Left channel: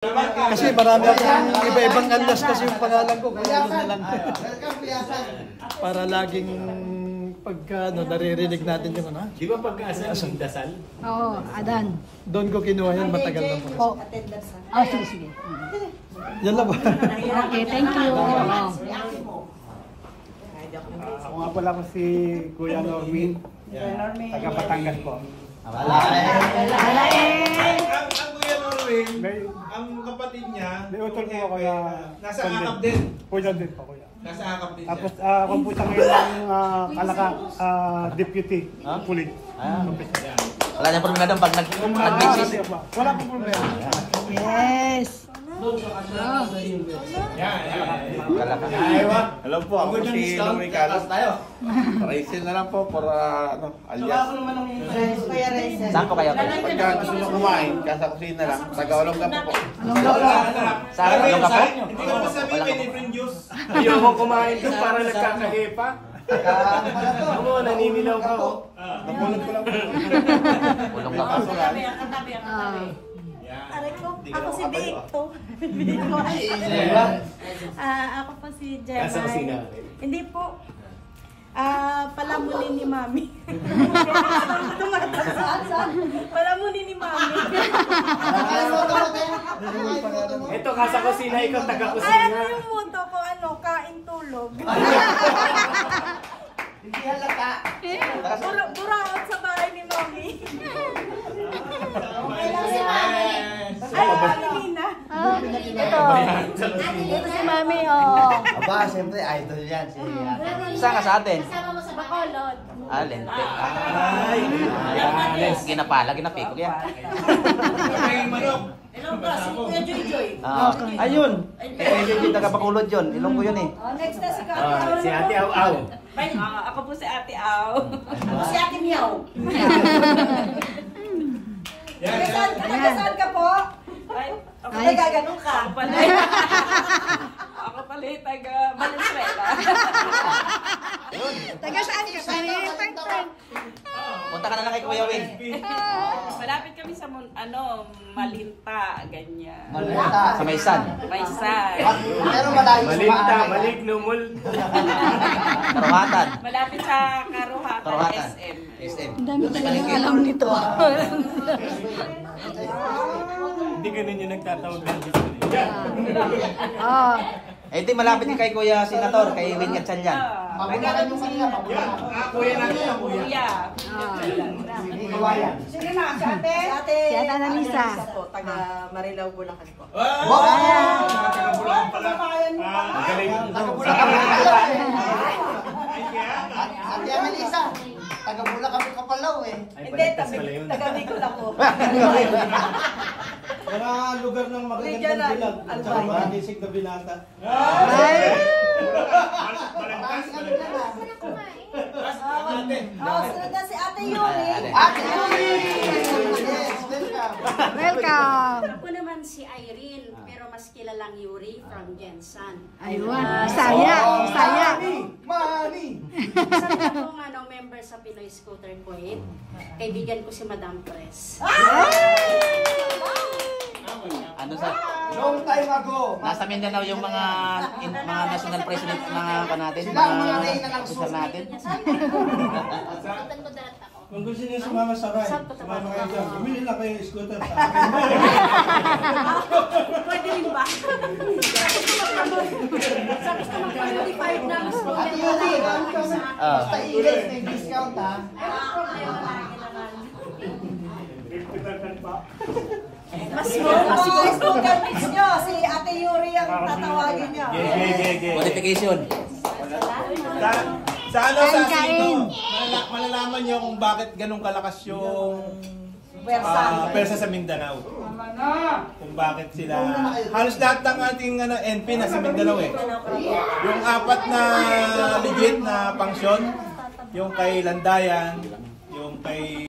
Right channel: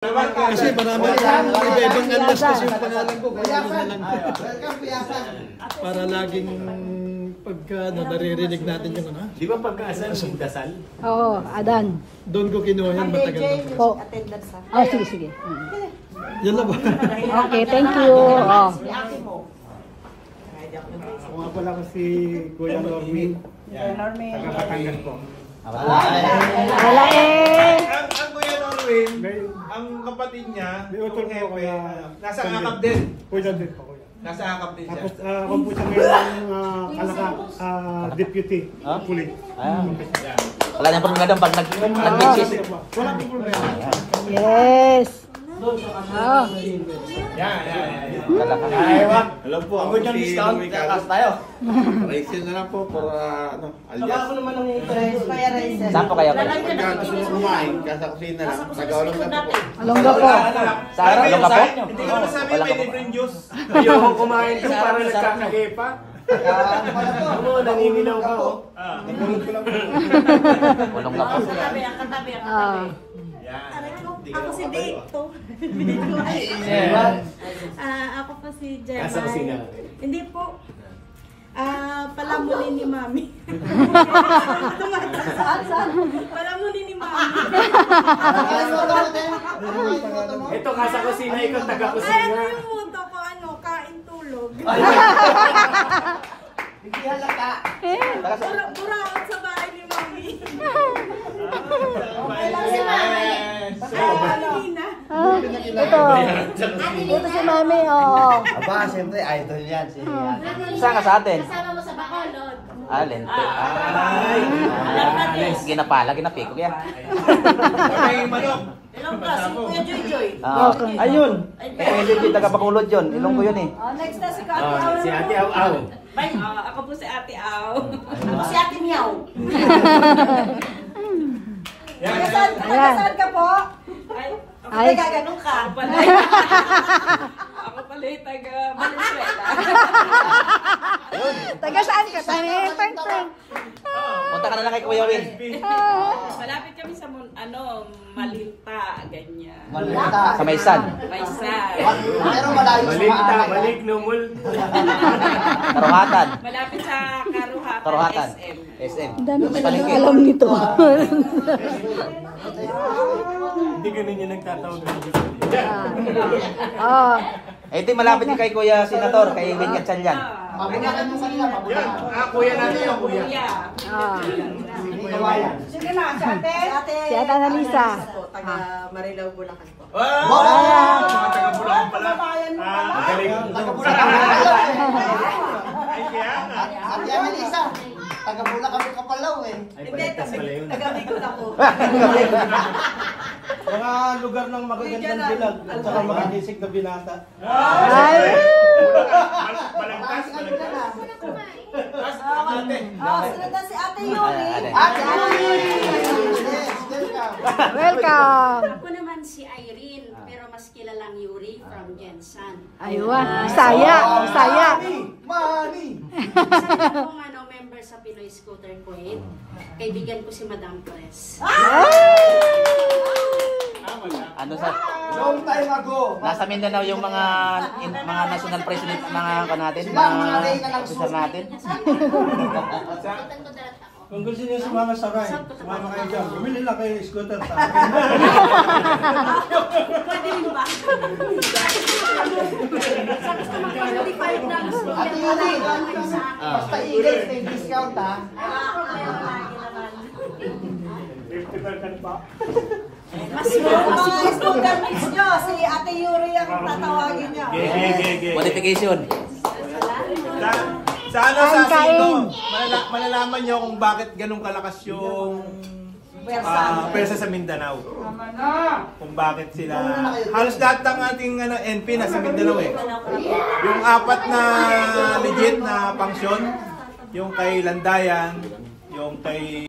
Kasi marami akong iba-ibang alias kasi yung pangalan ko. Kaya yun na lang. Para laging pagka naririnig natin yung ano. Di ba pagkaasal yung dasal? Oo, Adan. Doon ko kinuha yan, matagal na pa. Sige, sige. Yan lang ba? Okay, thank you. Ako nga pala ko si Kuya Normin, taga Batangas po. Wala Ang Kuya Norwin, ang kapatid niya, May utol po kaya nasa akap din. Kuya din po, kuya. Nasa akap din Tapos siya. ako po siya ngayon ng Kalaka, Deputy Police. Wala niya problema pag nag-exist. Wala po problema. Yes. Hello po, ako si Louie Carlos. Raisin na lang po para alias. Saan po kayo? Pagka gusto nyo kumain, kasa kusina lang, taga-olong na po. Alongga po. Sabi, hindi ko masabi may libreng juice. Ayoko kumain doon para nagkakaepa. Ano, naninilaw ka oh. Nagulot ko lang po. Katabi, ang katabi, ang katabi. Aray ko, ako si Dito. Ako po si Jemay. Kasa kusina. Hindi po. Palamunin ni Mami. Palamunin ni Mami. Ito, kasa kusina, ikaw taga Ay, kusina. ano yung muto ko? Ano? Kain tulog. Buraot sa bahay ni Mami. Ay, Mami Nina. Ito si Mami, oh. Aba, siyempre, idol yan. Saan ka sa atin? Kasama mo sa Bacolod. Alin? Ay, Lagi na pa, lagi na pick yan. May manok. Hello, bro. Si Kuya Joy Joy. Ayun. Hindi taga-Bacolod yun. Ilong ko yun eh. Next na si Kati Aw. si Ate Aw Aw. Ako po si Ate Aw. Ako si Ate Miaw. Taga-saan ka po? Ako taga-ganun ka. Ako pala yung taga-Valenzuela. Taga saan ka? Punta ka na lang kay Kuya Win. Malapit kami sa Malinta, ganyan. Sa Maysan. Maysan. Malinta, maligno, multo. Karuhatan. Malapit sa Karuhatan, Karuhatan. SM. SM. Ang dami talagang alam nito. Hindi ganun yung nagtatawag ng Diyos. Oh. Eh, di malapit ka kay Kuya Senator, kay Linya Chan yan. Nagkaroon sila. Kuya natin yan, kuya. Sige na, si ate. Si ate. Si Ate Anamisa. Po, taga Marilao, Bulacan po. Wow! Mga taga-Bulacan pala. Magaling. Sa pangalaga. Hindi, taga Bicol ako. Mga lugar ng Regional, magagandang bilag. At saka Albay. mga disig na binata. Sunod na si Ate Yuri. Welcome. Ako naman si Irene, pero mas kilalang Yuri from Jensan. Ayun. Saya. Saya. Isa rin akong member sa Pinoy Scooter Kuwait. Kaibigan ko si Madam Press. Ano sa... Nasa Mindanao yung mga national president na natin, mga officer natin. Skutan ko darat ako. Kung gusto niyo sumama sa ride, sumama kayo dyan. Bumili lang kayo ng scooter sa akin. Pwede rin ba? Sa gusto mag-qualified ng scooter Ah. Mas scooter miss nyo. Si Ate Yuri ang tatawagin nyo. Qualification. Sa Singko, malalaman nyo kung bakit ganun kalakas yung pwersa sa Mindanao. Kung bakit sila... Halos lahat ng ating NP nasa Mindanao eh. Yung apat na legit na pangsyon, yung kay Landayan, yung kay